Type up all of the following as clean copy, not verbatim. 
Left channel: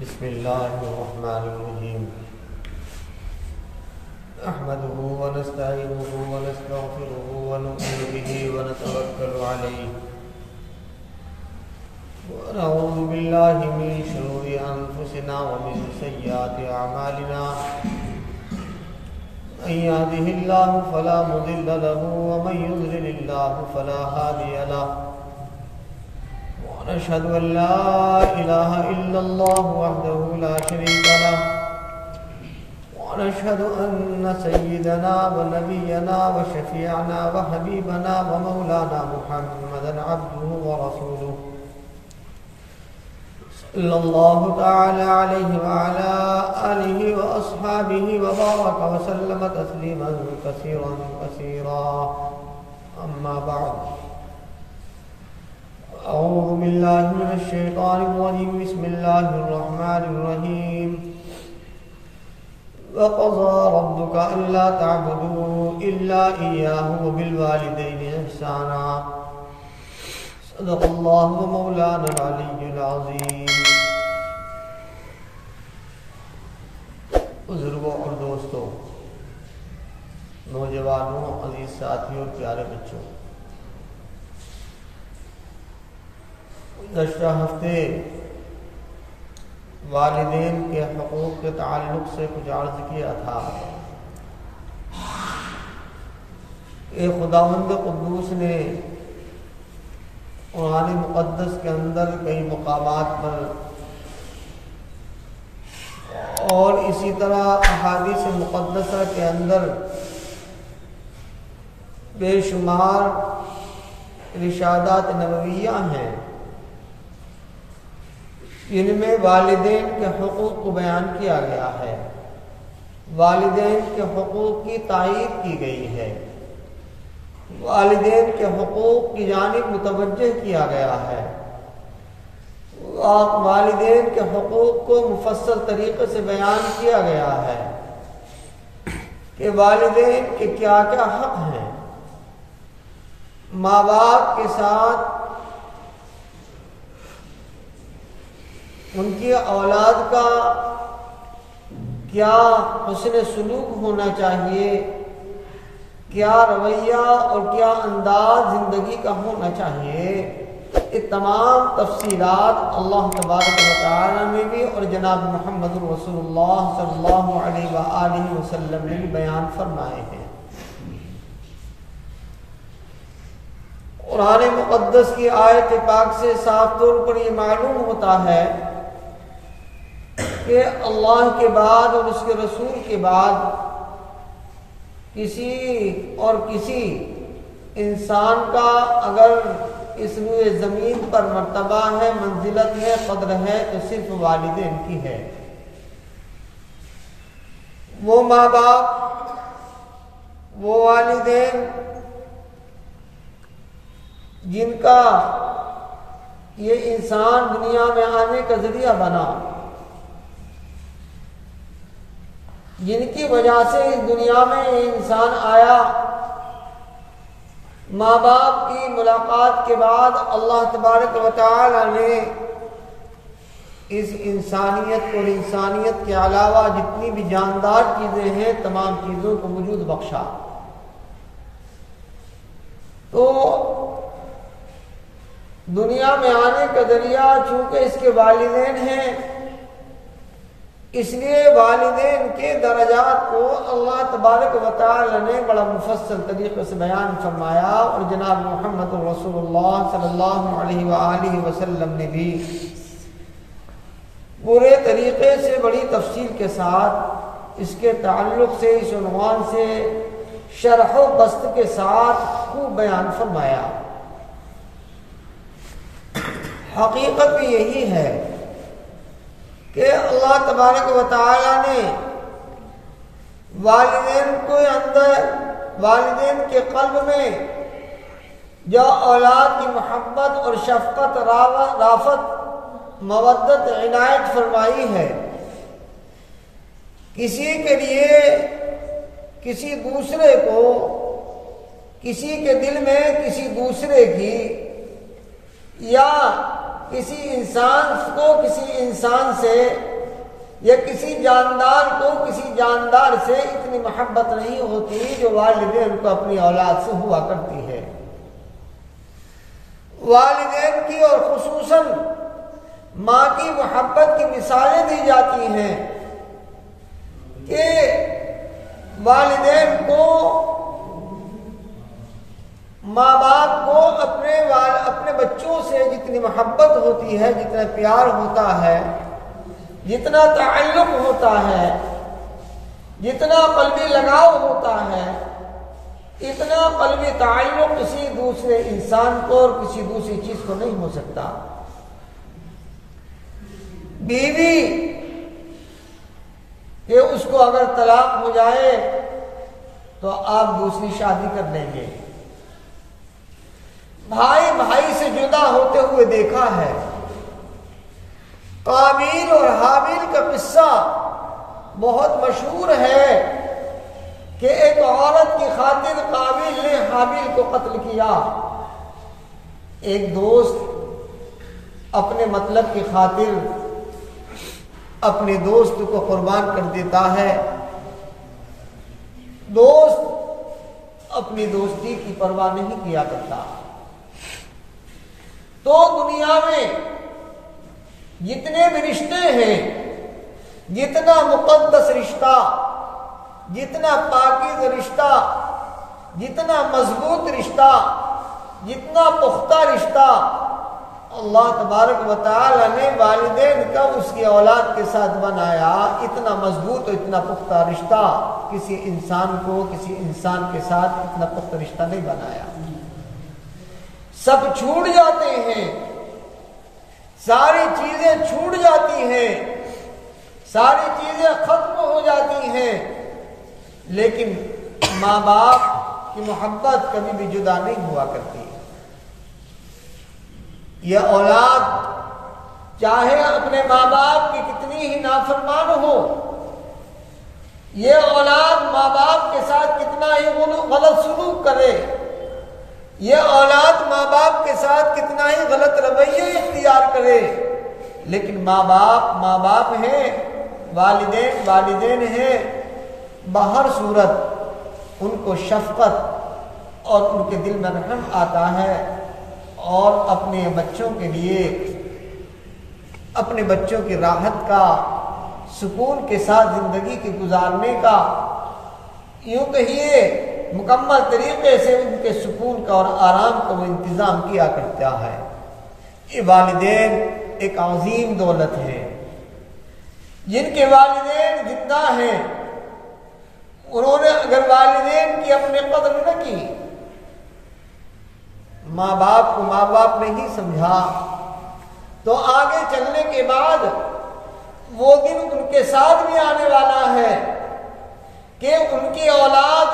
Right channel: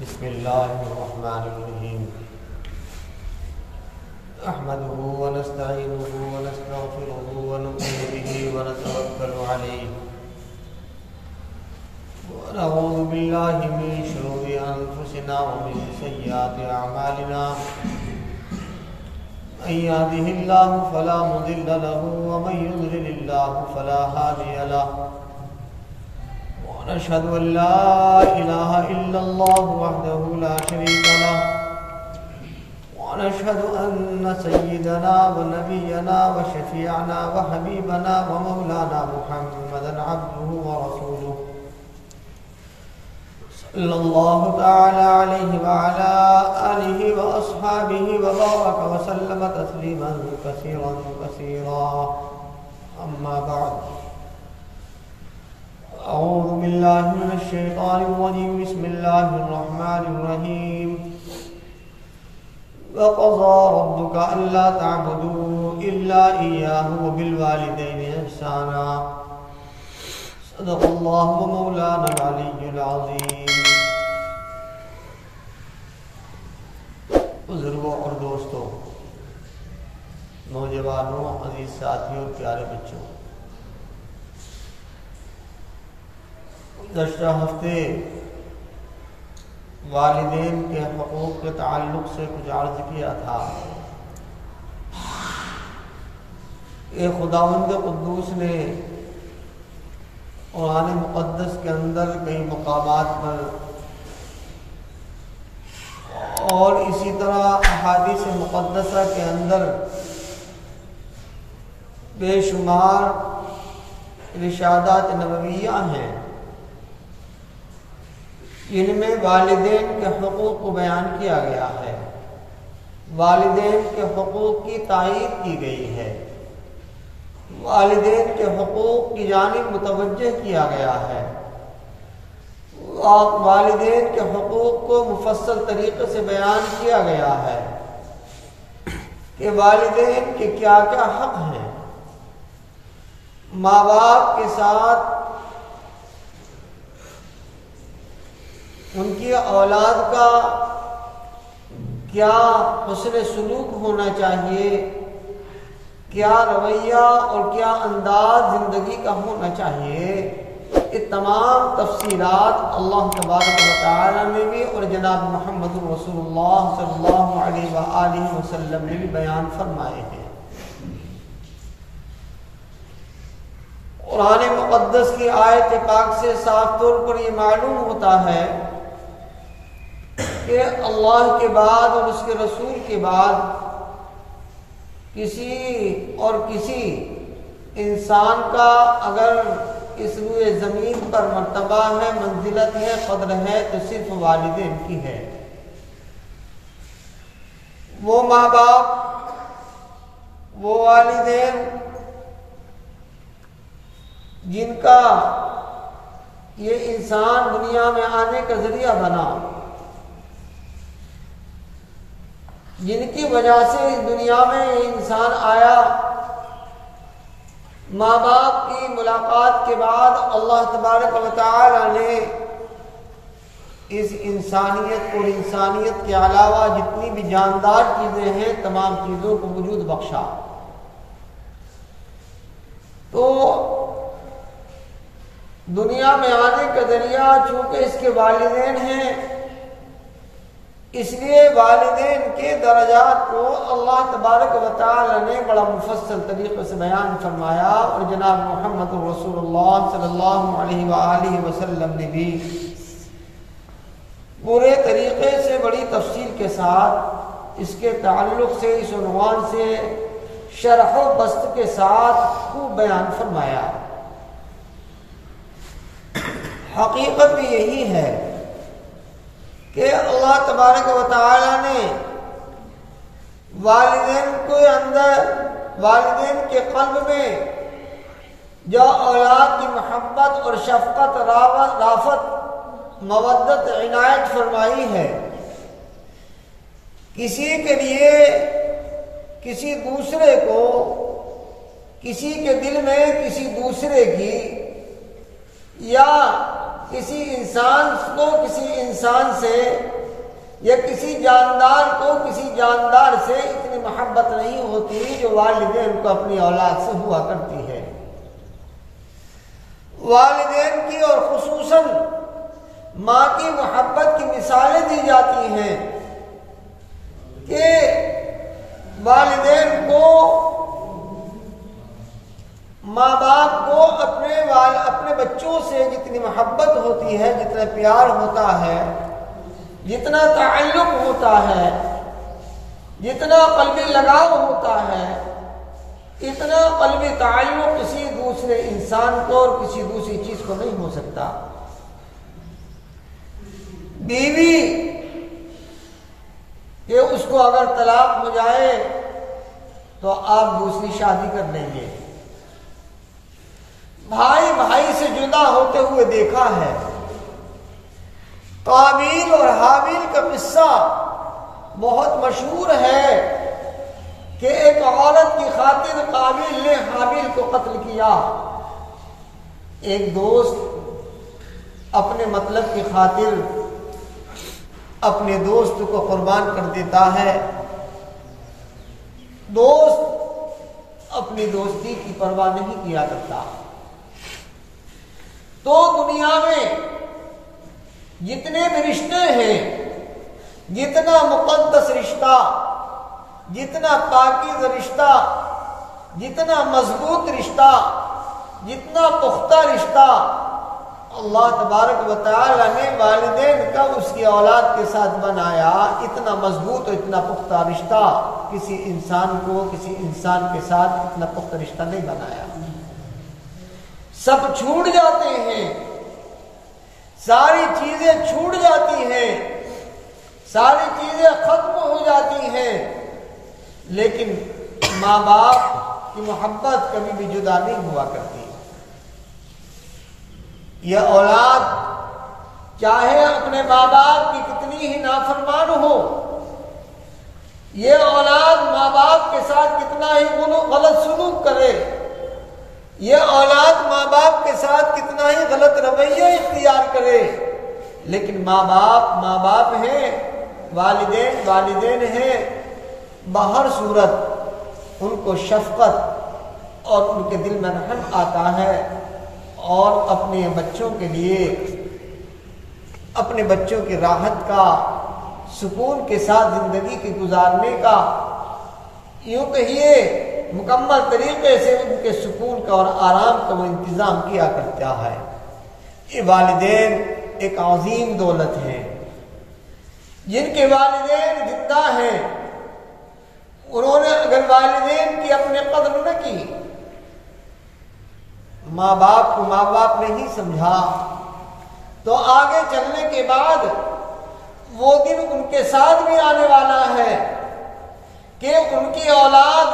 بسم الله الرحمن الرحيم نحمده ونستعينه ونستغفره ونؤمن به ونتوكل عليه ونعوذ بالله من شرور أنفسنا ومن سيئات أعمالنا من يهده الله فلا مضل له ومن يضلل الله فلا هادي له ونشهد أن لا إله إلا الله وحده لا شريك له ونشهد أن سيدنا ونبينا وشفيعنا وحبيبنا ومولانا محمدا عبده ورسوله صلى الله تعالى عليه وعلى آله وأصحابه وبارك وسلم تسليما كثيرا كثيرا أما بعد أعوذ بالله من الشيطان الرجيم بسم الله الرحمن الرحيم وقضى ربك ألا تعبدوا إلا إياه وبالوالدين إحسانا صدق الله ومولانا العلي العظيم. بزرگوں اور دوستوں، نوجوانوں، عزیز ساتھیوں اور پیارے بچوں، گزشتہ ہفتے والدین کے حقوق کے تعلق سے کچھ عرض کیا تھا کہ خداوند قدوس نے قرآن مقدس کے اندر کئی مقامات پر اور اسی طرح احادیث مقدسہ کے اندر بے شمار ارشادات نبویہ ہیں جن میں والدین کے حقوق کو بیان کیا گیا ہے، والدین کے حقوق کی تائید کی گئی ہے، والدین کے حقوق کی جانب متوجہ کیا گیا ہے، والدین کے حقوق کو مفصل طریقے سے بیان کیا گیا ہے کہ والدین کے کیا کیا حق ہیں، ماں باپ کے ساتھ ان کی اولاد کا کیا حسن سلوک ہونا چاہیے، کیا رویہ اور کیا انداز زندگی کا ہونا چاہیے. یہ تمام تفصیلات اللہ تبارک و تعالی نے بھی اور جناب محمد رسول اللہ صلی اللہ علیہ وآلہ وسلم نے بھی بیان فرمائے ہیں. قرآن مقدس کی آیت پاک سے صاف طور پر یہ معلوم ہوتا ہے کہ اللہ کے بعد اور اس کے رسول کے بعد کسی انسان کا اگر اس روئے زمین پر مرتبہ ہے، منزلت ہے، قدر ہے تو صرف والدین کی ہے. وہ ماں باپ، وہ والدین جن کا یہ انسان دنیا میں آنے کا ذریعہ بنا، جن کی وجہ سے اس دنیا میں انسان آیا. ماں باپ کی ملاقات کے بعد اللہ تبارک و تعالی نے اس انسانیت اور انسانیت کے علاوہ جتنی بھی جاندار چیزیں ہیں تمام چیزوں کو وجود بخشا. تو دنیا میں آنے کا ذریعہ چونکہ اس کے والدین ہیں، اس لیے والدین کے درجات کو اللہ تبارک و تعالی نے بڑا مفصل طریقے سے بیان فرمایا اور جناب محمد رسول اللہ صلی اللہ علیہ وآلہ وسلم نے بھی پورے طریقے سے بڑی تفصیل کے ساتھ اس کے تعلق سے اس عنوان سے شرح و بسط کے ساتھ خوب بیان فرمایا. حقیقت بھی یہی ہے کہ اللہ تبارک و تعالی نے والدین کے قلب میں جو اولاد کی محبت اور شفقت، رافت، مودت، عنایت فرمائی ہے، کسی کے لیے کسی دوسرے کو، کسی کے دل میں کسی دوسرے کی یا کسی انسان کو کسی انسان سے یا کسی جاندار کو کسی جاندار سے اتنی محبت نہیں ہوتی جو والدین کو اپنی اولاد سے ہوا کرتی ہے۔ والدین کی اور خصوصاً ماں کی محبت کی مثالیں دی جاتی ہیں کہ والدین کو ماں باپ کو اپنے بچوں سے جتنی محبت ہوتی ہے، جتنا پیار ہوتا ہے، جتنا تعلق ہوتا ہے، جتنا قلبی لگاؤ ہوتا ہے، اتنا قلبی تعلق کسی دوسرے انسان کو اور کسی دوسری چیز کو نہیں ہو سکتا۔ بیوی کہ اس کو اگر طلاق ہو جائے تو آپ دوسری شادی کر لیں گے۔ بھائی بھائی سے جدا ہوتے ہوئے دیکھا ہے۔ قابیل اور حابیل کا قصہ بہت مشہور ہے کہ ایک عورت کی خاطر قابیل نے حابیل کو قتل کیا۔ ایک دوست اپنے مطلب کی خاطر اپنے دوست کو قربان کر دیتا ہے۔ دوست اپنی دوستی کی پرواہ نہیں کیا کرتا۔ تو دنیا میں جتنے بھی رشتے ہیں، جتنا مقدس رشتہ، جتنا پاکیزہ رشتہ، جتنا مضبوط رشتہ، جتنا پختہ رشتہ اللہ تبارک و تعالی نے والدین کا اس کی اولاد کے ساتھ بنایا، اتنا مضبوط اور اتنا پختہ رشتہ کسی انسان کو کسی انسان کے ساتھ اتنا پختہ رشتہ نہیں بنایا۔ سب چھوٹ جاتے ہیں، ساری چیزیں چھوٹ جاتی ہیں، ساری چیزیں ختم ہو جاتی ہیں، لیکن ماں باپ کی محبت کبھی بھی جدا نہیں ہوا کرتی۔ یہ اولاد چاہے اپنے ماں باپ کی کتنی ہی نافرمان ہو، یہ اولاد ماں باپ کے ساتھ کتنا ہی غلط سلوک کرے، یہ اولاد ماں باپ کے ساتھ کتنا ہی غلط رویہ اختیار کرے، لیکن ماں باپ ہیں، والدین ہیں، بہر صورت ان کو شفقت اور ان کے دل میں رحم آتا ہے، اور اپنے بچوں کے لیے اپنے بچوں کی راحت کا، سکون کے ساتھ زندگی کے گزارنے کا، یوں کہیے مکمل طریقے سے ان کے سکون کا اور آرام کا وہ انتظام کیا کرتا ہے۔ یہ والدین ایک عظیم دولت ہے۔ جن کے والدین زندہ ہیں، انہوں نے اگر والدین کی اپنے قدر نہ کی، ماں باپ کو ماں باپ نہیں سمجھا، تو آگے چلنے کے بعد وہ دن ان کے ساتھ بھی آنے والا ہے کہ ان کی اولاد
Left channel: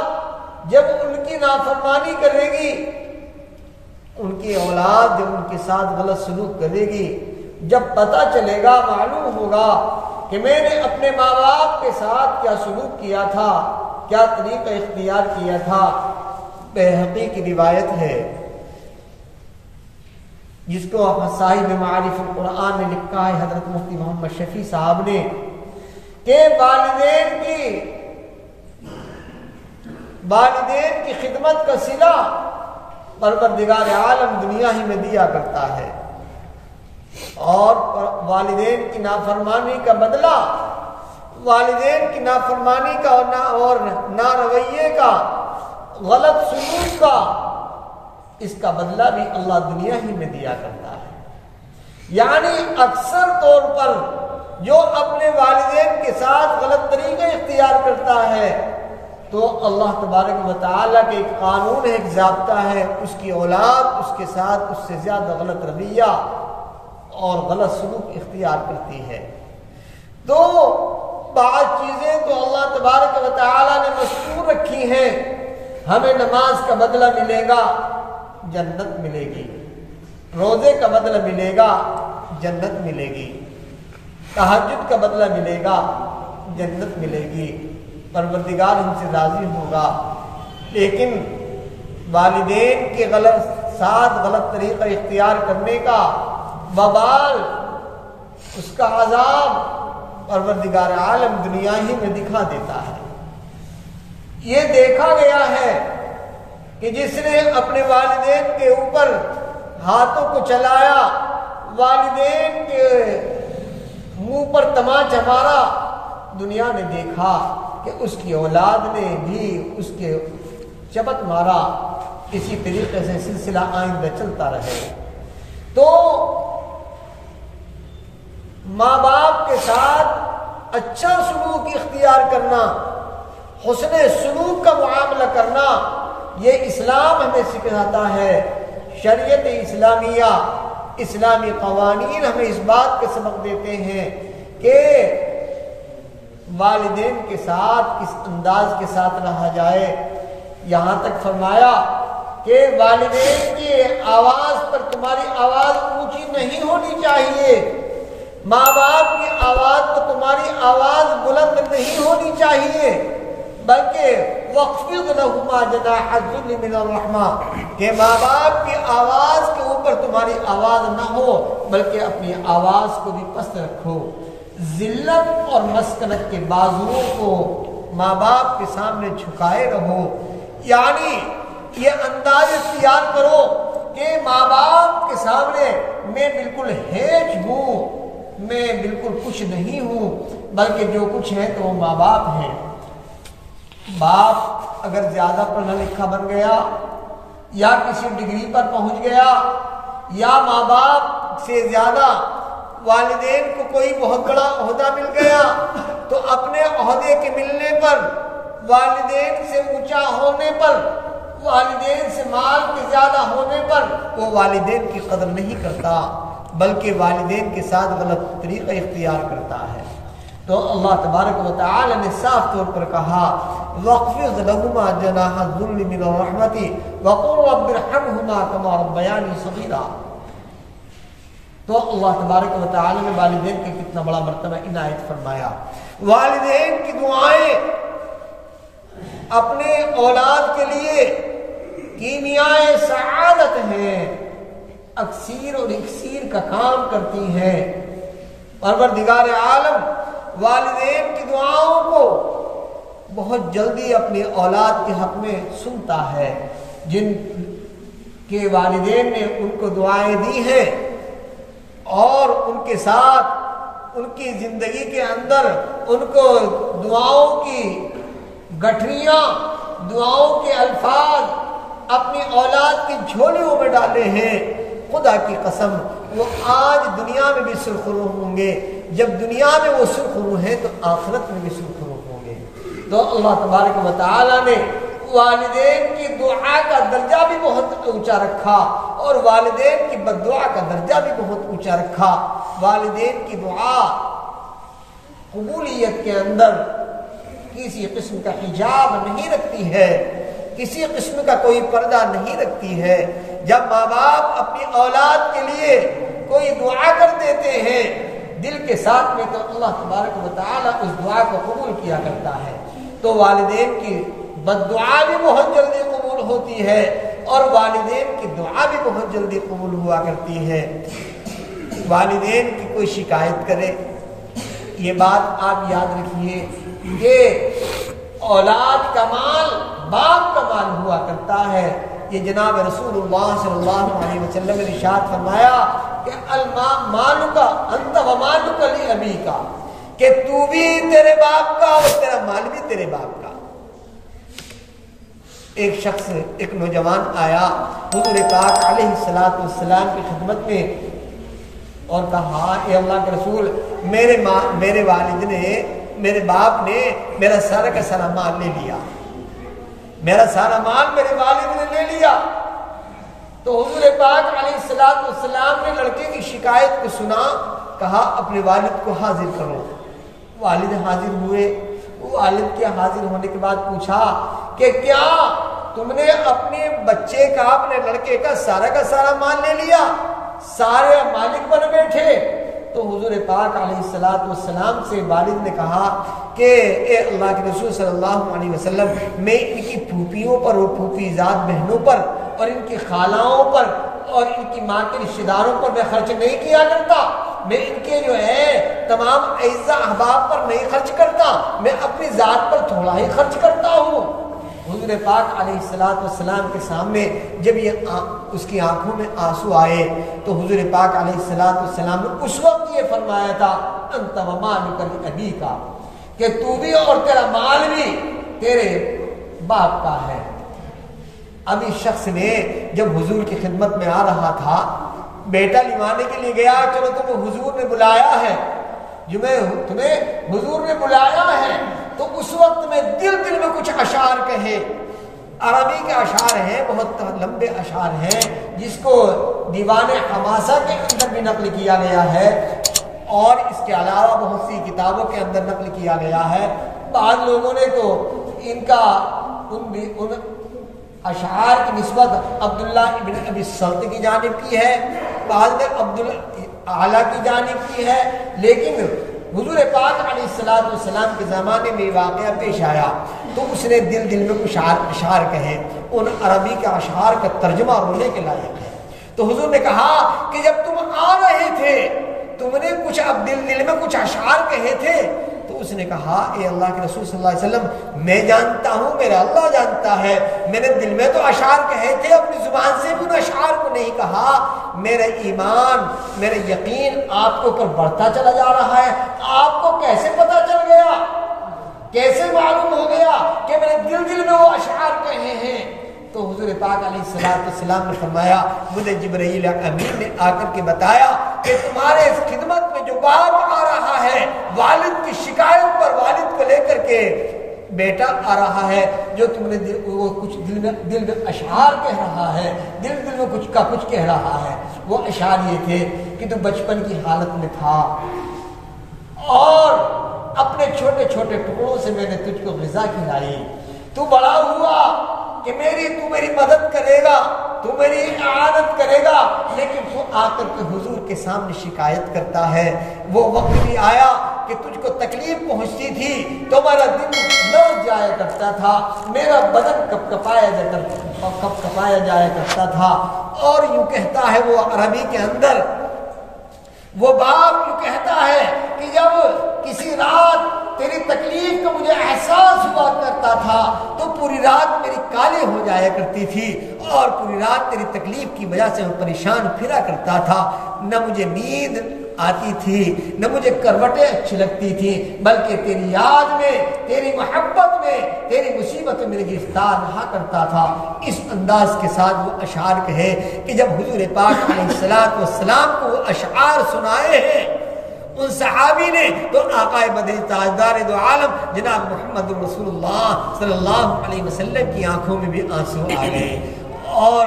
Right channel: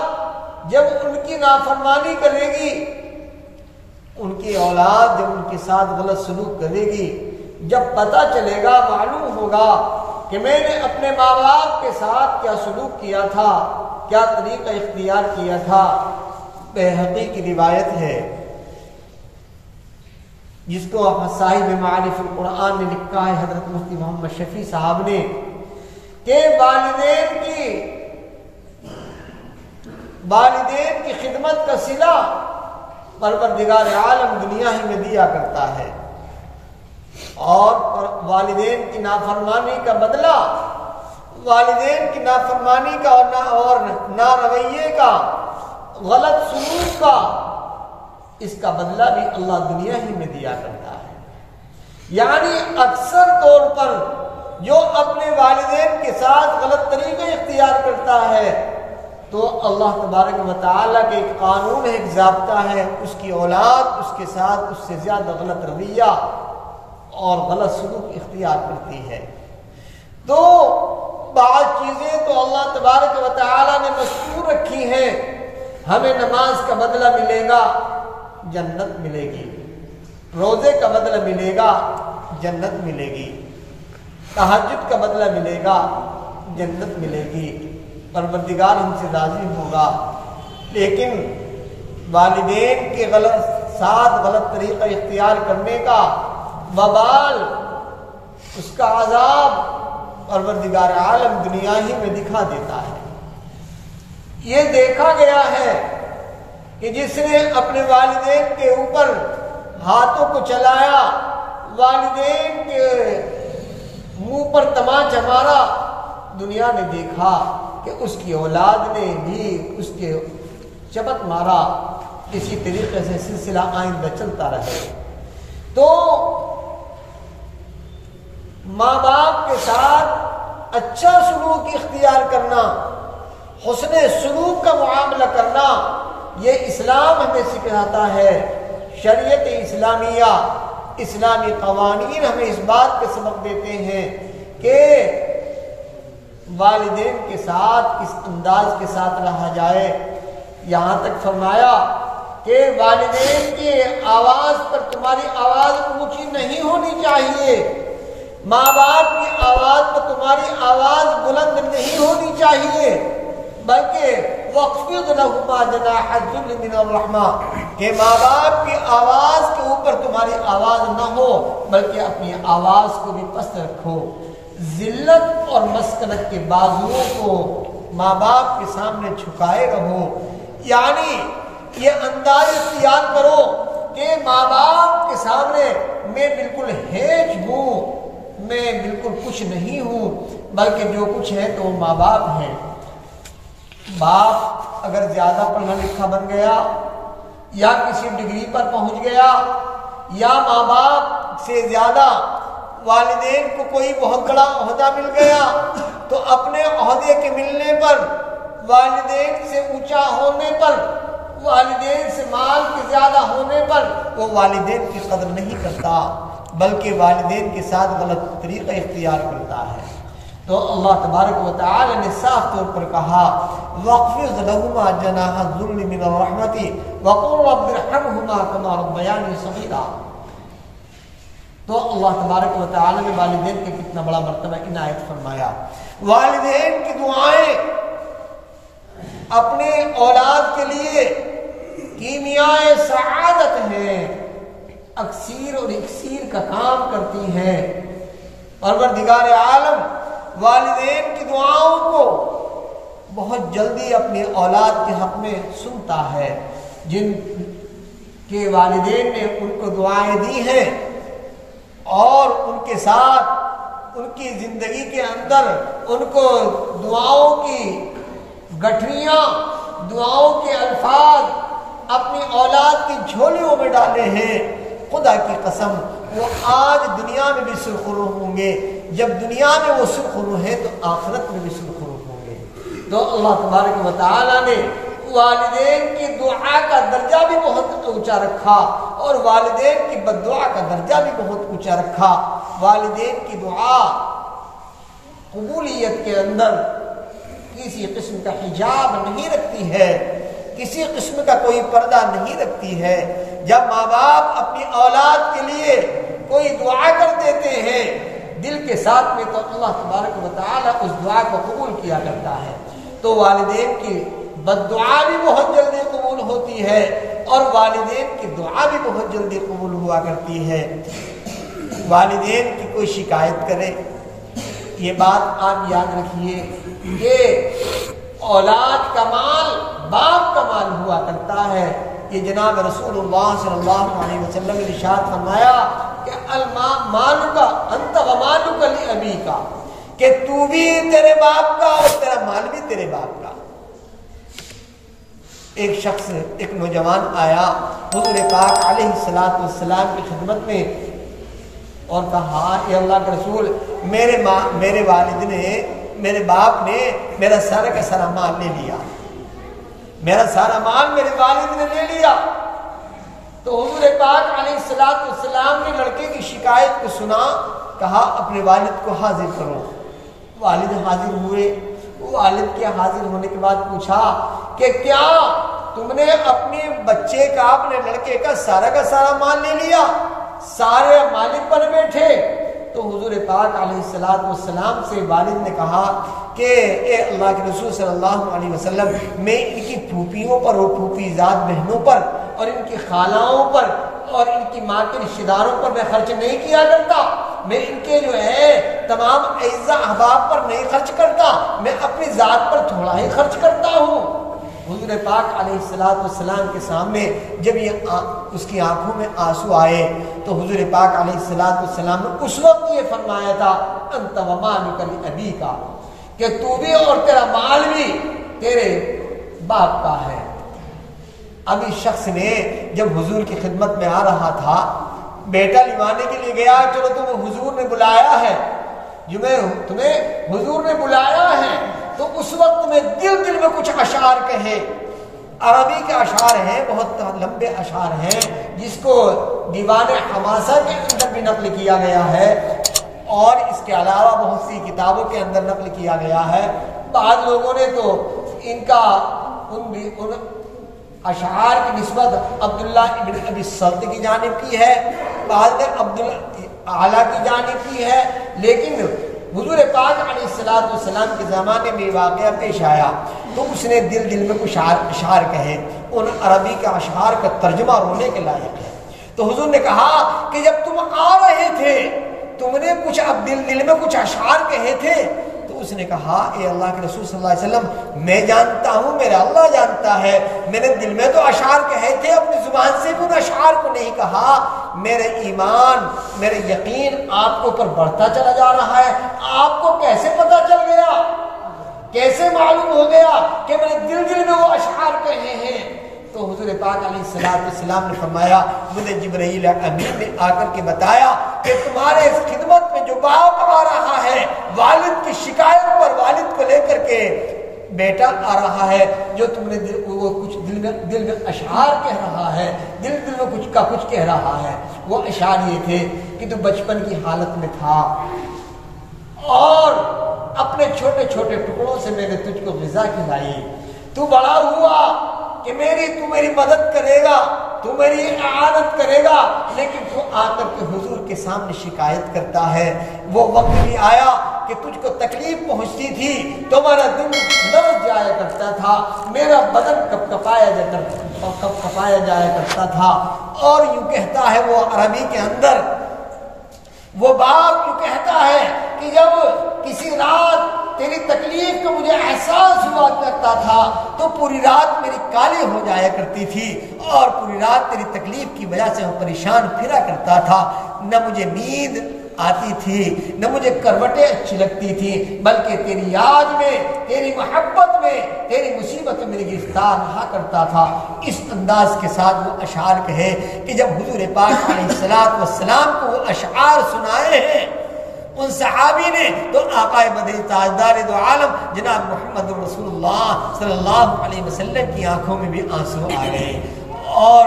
جب ان کی نافرمانی کرے گی، ان کی اولاد جب ان کے ساتھ غلط سلوک کرے گی، جب پتہ چلے گا، معلوم ہوگا کہ میں نے اپنے ماں باپ کے ساتھ کیا سلوک کیا تھا، کیا طریقہ اختیار کیا تھا۔ بہقی کی روایت ہے جس کو صاحب معارف القرآن نے لکھا ہے، حضرت مفتی محمد شفیع صاحب نے، کہ والدین کی خدمت کا صلہ پروردگار عالم دنیا ہی میں دیا کرتا ہے، اور والدین کی نافرمانی کا بدلہ، والدین کی نافرمانی کا اور نارویے کا، غلط سلوک کا، اس کا بدلہ بھی اللہ دنیا ہی میں دیا کرتا ہے۔ یعنی اکثر طور پر جو اپنے والدین کے ساتھ غلط طریقے اختیار کرتا ہے، تو اللہ تبارک و تعالیٰ کے ایک قانون ہے، ایک ضابطہ ہے، اس کی اولاد اس کے ساتھ اس سے زیادہ غلط رویہ اور غلط سلوک اختیار کرتی ہے۔ تو بعض چیزیں تو اللہ تبارک و تعالیٰ نے مستور رکھی ہیں۔ ہمیں نماز کا بدلہ ملے گا، جنت ملے گی، روزے کا بدلہ ملے گا، جنت ملے گی، تہجد کا بدلہ ملے گا، جنت ملے گی، پروردگار ہم سے راضی ہوگا۔ لیکن والدین کے ساتھ غلط طریقہ اختیار کرنے کا، وبال، اس کا عذاب پروردگار عالم دنیا ہی میں دکھا دیتا ہے۔ یہ دیکھا گیا ہے کہ جس نے اپنے والدین کے اوپر ہاتھوں کو چلایا، والدین کے منہ پر تماچا مارا، دنیا نے دیکھا کہ اس کی اولاد نے بھی اس کے چبت مارا۔ اسی طریقے سے سلسلہ آئندہ چلتا رہے۔ تو ماں باپ کے ساتھ اچھا سلوک اختیار کرنا، حسن سلوک کا معاملہ کرنا، یہ اسلام ہمیں سکھاتا ہے۔ شریعت اسلامیہ، اسلامی قوانین ہمیں اس بات کے سبق دیتے ہیں کہ والدین کے ساتھ کس انداز کے ساتھ رہا جائے۔ یہاں تک فرمایا کہ والدین کی آواز پر تمہاری آواز اونچی نہیں ہونی چاہیے، ماں باپ کی آواز پر تمہاری آواز بلند نہیں ہونی چاہیے، بلکہ وَاخْفِضْ لَهُمَا جَنَاحَ الذُّلِّ مِنَ الرَّحْمَةِ، کہ ماں باپ کی آواز کے اوپر تمہاری آواز نہ ہو بلکہ اپنی آواز کو بھی پست رکھو۔ ذلت اور مسکنت کے بازوؤں کو ماں باپ کے سامنے جھکائے رہو، یعنی یہ انداز اختیار کرو کہ ماں باپ کے سامنے میں بالکل ہیج ہوں، میں بالکل کچھ نہیں ہوں، بلکہ جو کچھ ہے تو وہ ماں باپ ہیں۔ باپ اگر زیادہ پڑھا لکھا بن گیا یا کسی ڈگری پر پہنچ گیا یا ماں باپ سے زیادہ والدین کو کوئی بہت بڑا عہدہ مل گیا تو اپنے عہدے کے ملنے پر، والدین سے اونچا ہونے پر، والدین سے مال کے زیادہ ہونے پر وہ والدین کی قدر نہیں کرتا بلکہ والدین کے ساتھ غلط طریقہ اختیار کرتا ہے۔ تو اللہ تبارک و تعالی نے صاف طور پر کہا وَاخْفِضْ لَهُمَا جَنَاحَ الذُّلِّ مِنَ الرَّحْمَةِ وَقُلْ رَبِّ ارْحَمْهُمَا كَمَا رَبَّيَانِي صَغِيرًا۔ تو اللہ تبارک و تعالی نے والدین کا کتنا بڑا مرتبہ عنایت فرمایا۔ والدین کی دعائیں اپنے اولاد کے لیے کیمیائے سعادت ہیں، اکسیر اور اکسیر کا کام کرتی ہیں۔ پروردگار عالم والدین کی دعاؤں کو بہت جلدی اپنی اولاد کے حق میں سنتا ہے۔ جن کے والدین نے ان کو دعائیں دی ہیں اور ان کے ساتھ ان کی زندگی کے اندر ان کو دعاؤں کی گٹھریاں، دعاؤں کے الفاظ اپنی اولاد کی جھولیوں میں ڈالے ہیں، خدا کی قسم وہ آج دنیا میں بھی سرخرو ہوں گے۔ جب دنیا میں وہ سرخرو ہیں تو آخرت میں بھی سرخرو ہوں گے۔ تو اللہ تبارک و تعالی نے والدین کی دعا کا درجہ بھی بہت اونچا رکھا اور والدین کی بد دعا کا درجہ بھی بہت اونچا رکھا۔ والدین کی دعا قبولیت کے اندر کسی قسم کا حجاب نہیں رکھتی ہے، کسی قسم کا کوئی پردہ نہیں رکھتی ہے۔ جب ماں باپ اپنی اولاد کے لیے کوئی دعا کر دیتے ہیں دل کے ساتھ میں تو اللہ تبارک و تعالی اس دعا کو قبول کیا کرتا ہے۔ تو والدین کی بد دعا بھی بہت جلدی قبول ہوتی ہے اور والدین کی دعا بھی بہت جلدی قبول ہوا کرتی ہے۔ والدین کی کوئی شکایت کرے، یہ بات آپ یاد رکھیے کہ اولاد کا مال باپ کا مال ہوا کرتا ہے۔ یہ جناب رسول اللہ صلی اللہ علیہ وسلم نے ارشاد فرمایا کہ مالک انت و مالک لابیک، کہ تو بھی تیرے باپ کا اور تیرا مال بھی تیرے باپ کا۔ ایک شخص، ایک نوجوان آیا حضور پاک علیہ الصلوۃ والسلام کی خدمت میں اور کہا اے اللہ کے رسول، میرے والد نے، میرے باپ نے میرا سارا کا سارا مال لے لیا، میرا سارا مال میرے والد نے لے لیا۔ تو حضور پاک علیہ الصلوۃ والسلام نے لڑکے کی شکایت کو سنا، کہا اپنے والد کو حاضر کرو۔ والد حاضر ہوئے۔ والد کے حاضر ہونے کے بعد پوچھا کہ کیا تم نے اپنے بچے کا، اپنے لڑکے کا سارا مال لے لیا، سارے مالک بن بیٹھے؟ تو حضور پاک علیہ الصلوۃ والسلام سے والد نے کہا کہ اے اللہ کے رسول صلی اللہ علیہ وسلم، میں ان کی پھوپھیوں پر اور پھوپھی زاد بہنوں پر اور ان کی خالاؤں پر اور ان کی ماں کے رشتہ داروں پر میں خرچ نہیں کیا کرتا، میں ان کے جو ہے تمام اعزا احباب پر نہیں خرچ کرتا، میں اپنی ذات پر تھوڑا ہی خرچ کرتا ہوں۔ حضور پاک علیہ السلام کے سامنے جب یہ اس کی آنکھوں میں آنسو آئے تو حضور پاک علیہ السلام نے اس وقت یہ فرمایا تھا انت ومالک لابیک، کہ تو بھی اور تیرا مال بھی تیرے باپ کا ہے۔ اب اس شخص نے جب حضور کی خدمت میں آ رہا تھا، بیٹا لیوانے کے لیے گیا، چلو تمہیں حضور نے بلایا ہے، تمہیں حضور نے بلایا ہے، تو اس وقت میں دل میں کچھ اشعار کہے۔ عربی کے اشعار ہیں، بہت لمبے اشعار ہیں، جس کو دیوان حماسہ کے اندر بھی نقل کیا گیا ہے اور اس کے علاوہ بہت سی کتابوں کے اندر نقل کیا گیا ہے۔ بعض لوگوں نے تو ان اشعار کی نسبت عبداللہ ابن ابی سلط کی جانب کی ہے، بعض نے عبدالعالی کی جانب کی ہے، لیکن حضور پاک علیہ السلام کے زمانے میں یہ واقعہ پیش آیا تو اس نے دل میں کچھ اشعار کہے۔ ان عربی کے اشعار کا ترجمہ رونے کے لائق ہے۔ تو حضور نے کہا کہ جب تم آ رہے تھے تم نے کچھ اب دل میں کچھ اشعار کہے تھے، تو اس نے کہا اے اللہ کے رسول صلی اللہ علیہ وسلم، میں جانتا ہوں، میرا اللہ جانتا ہے، میں نے دل میں تو اشعار کہے تھے، اپنی زبان سے بھی ان اشعار کو نہیں کہا۔ میرے ایمان، میرے یقین آپ کے اوپر بڑھتا چلا جا رہا ہے۔ آپ کو کیسے پتا چل گیا، کیسے معلوم ہو گیا کہ میں نے دل میں وہ اشعار کہے ہیں؟ تو حضور پاک علیہ السلام نے فرمایا مجھے جبرائیل امین نے آ کر کے بتایا کہ تمہارے اس خدمت میں جو باپ آ رہا ہے، والد کی شکایت پر والد کو لے کر کے بیٹا آ رہا ہے، جو تم نے وہ کچھ دل میں اشعار کہہ رہا ہے، دل میں کچھ کہہ رہا ہے۔ وہ اشعار یہ تھے کہ تو بچپن کی حالت میں تھا اور اپنے چھوٹے چھوٹے ٹکڑوں سے میں نے تجھ کو غذا کھلائی، تو بڑا ہوا کہ تو میری مدد کرے گا، تو میری اعانت کرے گا، لیکن تو آ کر کے حضور کے سامنے شکایت کرتا ہے۔ وہ وقت بھی آیا کہ تجھ کو تکلیف پہنچتی تھی تو میرا دل لرز جایا کرتا تھا، میرا بدن کپ کپایا جایا کرتا تھا۔ اور یوں کہتا ہے وہ عربی کے اندر، وہ باپ یوں کہتا ہے کہ جب کسی رات تیری تکلیف کا مجھے احساس ہوا کرتا تھا تو پوری رات میری کالی ہو جایا کرتی تھی اور پوری رات تیری تکلیف کی وجہ سے میں پریشان پھرا کرتا تھا، نہ مجھے نیند آتی تھی نہ مجھے کروٹیں اچھی لگتی تھی، بلکہ تیری یاد میں، تیری محبت میں، تیری مصیبت میں میری گرفتار رہا کرتا تھا۔ اس انداز کے ساتھ وہ اشعار کہے کہ جب حضور پاک علیہ السلام کو وہ اشعار سنائے ہیں ان صحابی نے تو آقا مدنی تاجدار دو عالم جناب محمد رسول اللہ صلی اللہ علیہ وسلم کی آنکھوں میں بھی آنسو آ گئے اور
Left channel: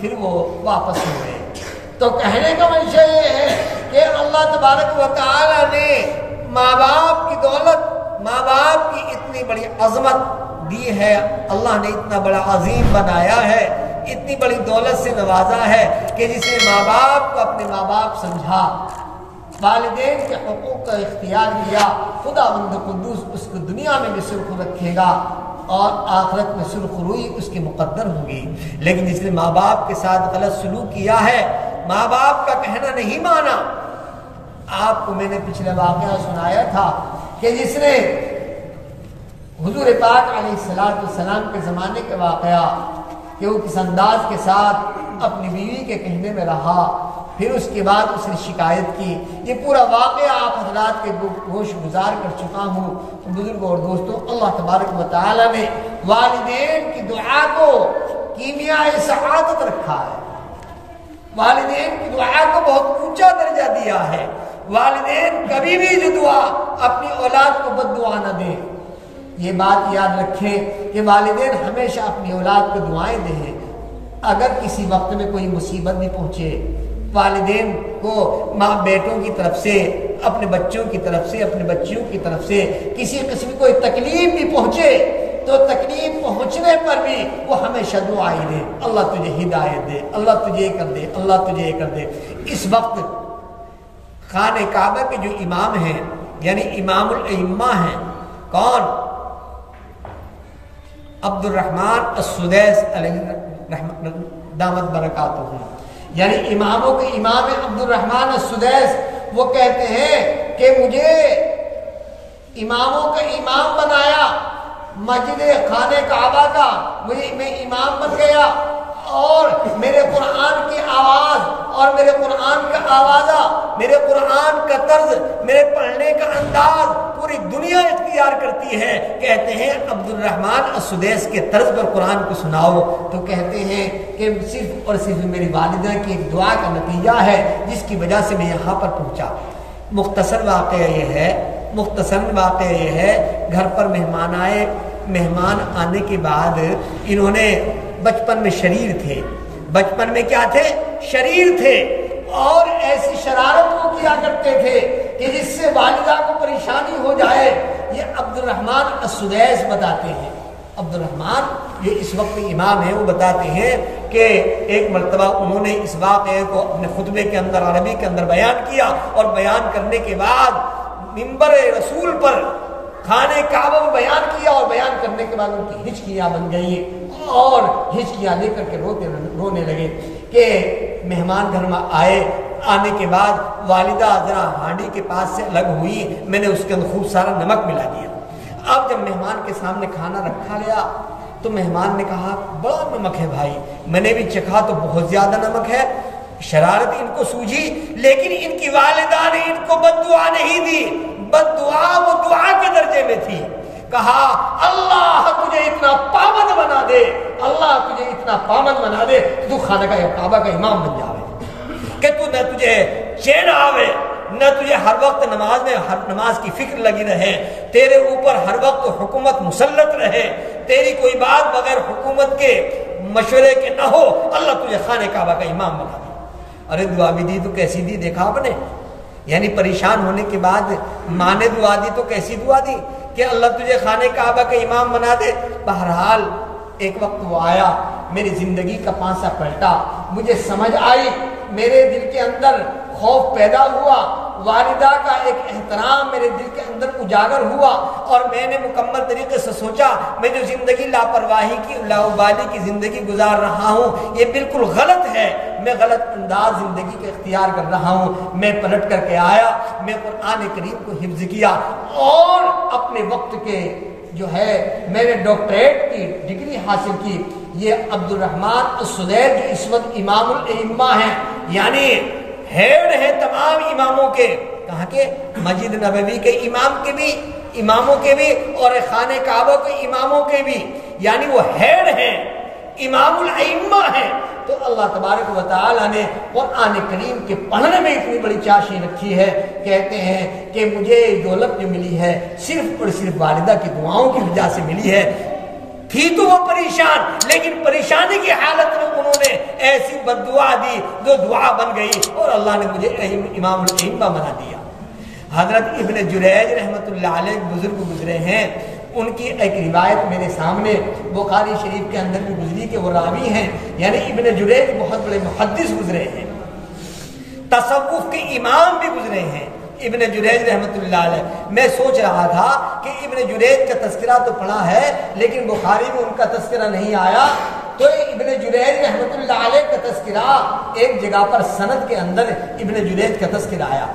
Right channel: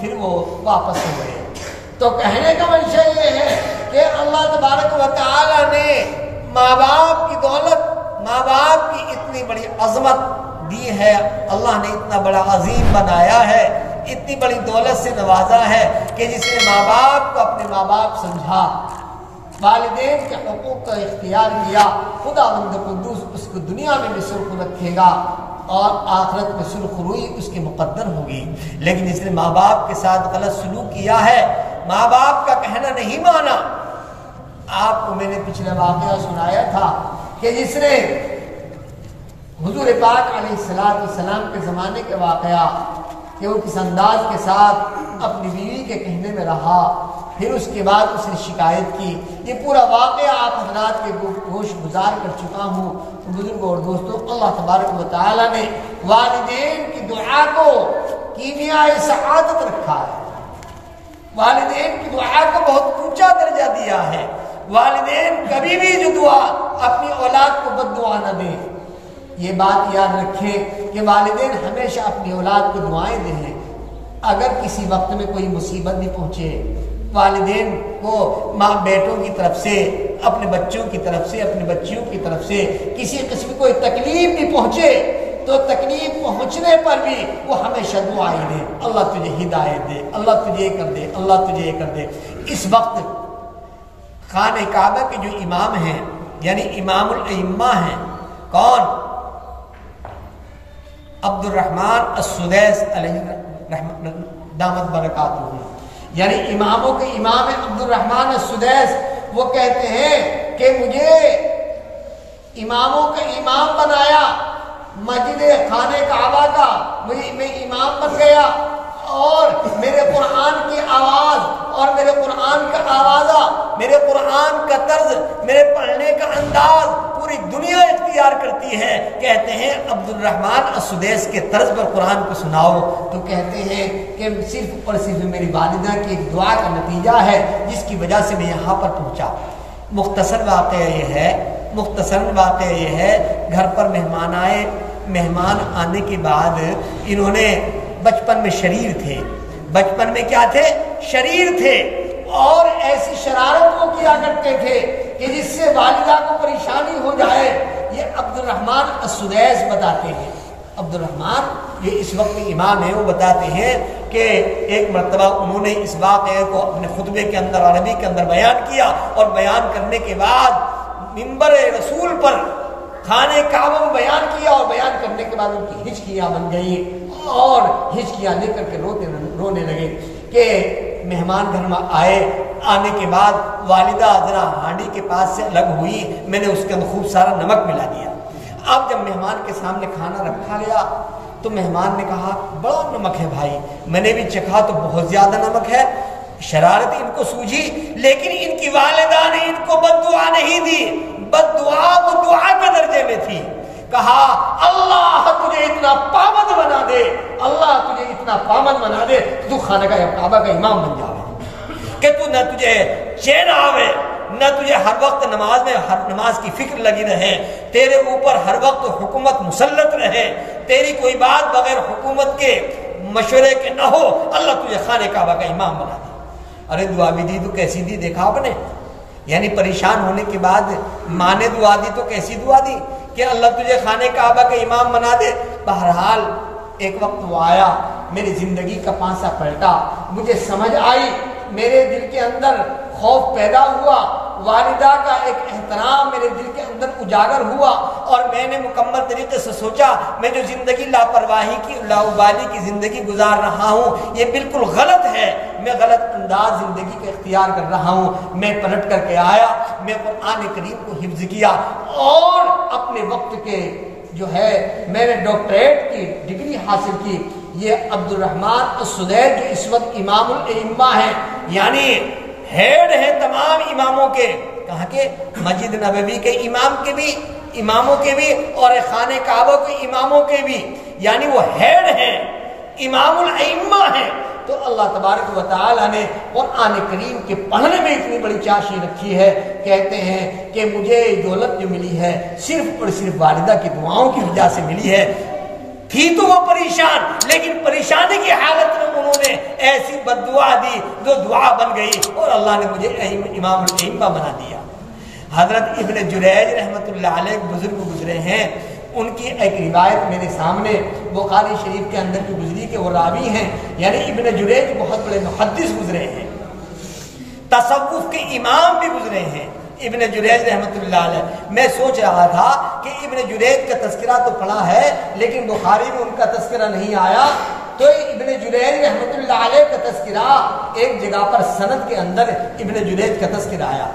پھر وہ واپس ہوئے۔ تو کہنے کا منشا یہ ہے کہ اللہ تبارک و تعالی نے ماں باپ کی دولت، ماں باپ کی اتنی بڑی عظمت دی ہے، اللہ نے اتنا بڑا عظیم بنایا ہے، اتنی بڑی دولت سے نوازا ہے کہ جس نے ماں باپ کو اپنے ماں باپ سمجھا، والدین کے حقوق کا اختیار کیا، خدا مند قدوس اس کو دنیا میں بھی سرخ رکھے گا اور آخرت میں سرخ روئی اس کی مقدر ہوگی۔ لیکن جس نے ماں باپ کے ساتھ غلط سلوک کیا ہے، ماں باپ کا کہنا نہیں مانا، آپ کو میں نے پچھلے واقعہ سنایا تھا کہ جس نے حضور پاک علیہ السلام کے زمانے کے واقعہ کہ وہ کس انداز کے ساتھ اپنی بیوی کے کہنے میں رہا، پھر اس کے بعد اس نے شکایت کی، یہ پورا واقعہ آپ حضرات کے گوش گزار کر چکا ہوں۔ بزرگوں اور دوستوں، اللہ تبارک و تعالی نے والدین کی دعا کو کیمیائے سعادت رکھا ہے، والدین کی دعا کو بہت اونچا درجہ دیا ہے۔ والدین کبھی بھی جو دعا اپنی اولاد کو بد دعا نہ دیں، یہ بات یاد رکھیں کہ والدین ہمیشہ اپنی اولاد کو دعائیں دیں۔ اگر کسی وقت میں کوئی مصیبت بھی پہنچے، والدین کو ماں بیٹوں کی طرف سے، اپنے بچوں کی طرف سے، اپنے بچیوں کی طرف سے کسی قسم کوئی تکلیف بھی پہنچے تو تکلیف پہنچنے پر بھی وہ ہمیشہ دعائیں دے، اللہ تجھے ہدایت دے، اللہ تجھے یہ کر دے، اللہ تجھے یہ کر دے۔ اس وقت خانہ کعبہ کے جو امام ہیں یعنی امام الائمہ ہیں، کون؟ عبد الرحمن السدیس علیہ دامت برکاتہ، یعنی اماموں کے امام عبد الرحمن السدیس وہ کہتے ہیں کہ مجھے اماموں کا امام بنایا، مسجد خانہ کعبہ کا میں امام بن گیا، اور میرے قرآن کی آواز اور میرے قرآن کا آوازہ، میرے قرآن کا طرز، میرے پڑھنے کا انداز پوری دنیا اختیار کرتی ہے۔ کہتے ہیں عبد الرحمن السدیس کے طرز پر قرآن کو سناؤ تو کہتے ہیں کہ صرف اور صرف میری والدہ کی ایک دعا کا نتیجہ ہے جس کی وجہ سے میں یہاں پر پہنچا۔ مختصر واقعہ یہ ہے، گھر پر مہمان آئے، مہمان آنے کے بعد انہوں نے بچپن میں شریر تھے، بچپن میں کیا تھے؟ شریر تھے، اور ایسی شرارت وہ کیا کرتے تھے کہ جس سے والدہ کو پریشانی ہو جائے۔ یہ عبد الرحمن السدیس بتاتے ہیں، عبد الرحمن جو اس وقت امام ہیں وہ بتاتے ہیں کہ ایک مرتبہ انہوں نے اس واقعے کو اپنے خطبے کے اندر عربی کے اندر بیان کیا، اور بیان کرنے کے بعد منبر رسول پر خانہ کعبہ میں بیان کیا، اور بیان کرنے کے بعد ان کی ہچکیاں بن گئی، اور ہچکیاں لے کر کے رونے لگے کہ مہمان گھر میں آنے کے بعد والدہ ذرا ہانڈی کے پاس سے الگ ہوئی، میں نے اس کے اندر خوب سارا نمک ملا دیا۔ اب جب مہمان کے سامنے کھانا رکھا گیا تو مہمان نے کہا بڑا نمک ہے بھائی، میں نے بھی چکھا تو بہت زیادہ نمک ہے۔ شرارت ان کو سوجھی، لیکن ان کی والدہ نے ان کو بد دعا نہیں دی، بد دعا وہ دعا کے درجے میں تھی۔ کہا اللہ تجھے اتنا پابند بنا دے، اللہ تجھے اتنا پابند بنا دے تو خانہ کعبہ کا امام بن جاوے، کہ تو نہ تجھے چین آوے، نہ تجھے ہر وقت نماز کی فکر لگی رہے، تیرے اوپر ہر وقت حکومت مسلط رہے، تیری کوئی بات بغیر حکومت کے مشورے کے نہ ہو، اللہ تجھے خانہ کعبہ کا امام بنا دے۔ ارے دعا بھی دی تو کیسی دی دیکھا آپ نے؟ یعنی پریشان ہونے کے بعد ماں نے دعا دی تو کیسی دعا دی کہ اللہ تجھے خانہ کعبہ کا امام بنا دے۔ بہرحال ایک وقت وہ آیا، میری زندگی کا پانسا پلٹا، مجھے سمجھ آئی، میرے دل کے اندر خوف پیدا ہوا، والدہ کا ایک احترام میرے دل کے اندر اجاگر ہوا، اور میں نے مکمل طریقے سے سوچا میں جو زندگی لاپرواہی کی لاؤبالی کی زندگی گزار رہا ہوں یہ بالکل غلط ہے، میں غلط انداز زندگی کا اختیار کر رہا ہوں۔ میں پلٹ کر کے آیا، میں قرآن کریم کو حفظ کیا، اور اپنے وقت کے جو ہے میں نے ڈاکٹریٹ کی ڈگری حاصل کی۔ یہ عبد الرحمن السدیس جو اس وقت امام الائمہ ہیں، یعنی ہیڈ ہیں تمام اماموں کے، کہاں کے؟ مسجد نبوی کے اماموں کے بھی اور خانہ کعبہ کے اماموں کے بھی، یعنی وہ ہیڈ ہیں، امام الائمہ ہیں۔ تو اللہ تبارک و تعالیٰ نے قرآن کریم کے پڑھنے میں اتنی بڑی چاشنی رکھی ہے، کہتے ہیں کہ مجھے دولت جو ملی ہے صرف اور صرف والدہ کی دعاؤں کی وجہ سے ملی ہے۔ تھی تو وہ پریشان، لیکن پریشانی کی حالت میں انہوں نے ایسی بد دعا دی جو دعا بن گئی، اور اللہ نے مجھے امام الائمہ بنا دیا۔ حضرت ابن جریج رحمۃ اللہ علیہ بزرگ گزرے ہیں، ان کی ایک روایت میرے سامنے بخاری شریف کے اندر بھی گزری کہ وہ راوی ہیں، یعنی ابن جریج بہت بڑے محدث گزرے ہیں، تصوف کے امام بھی گزرے ہیں ابن جریج رحمۃ اللہ علیہ۔ میں سوچ رہا تھا کہ ابن جریج کا تذکرہ تو پڑھا ہے لیکن بخاری میں ان کا تذکرہ نہیں آیا، تو ابن جریج رحمۃ اللہ علیہ کا تذکرہ ایک جگہ پر سند کے اندر ابن جریج کا تذکرہ آیا۔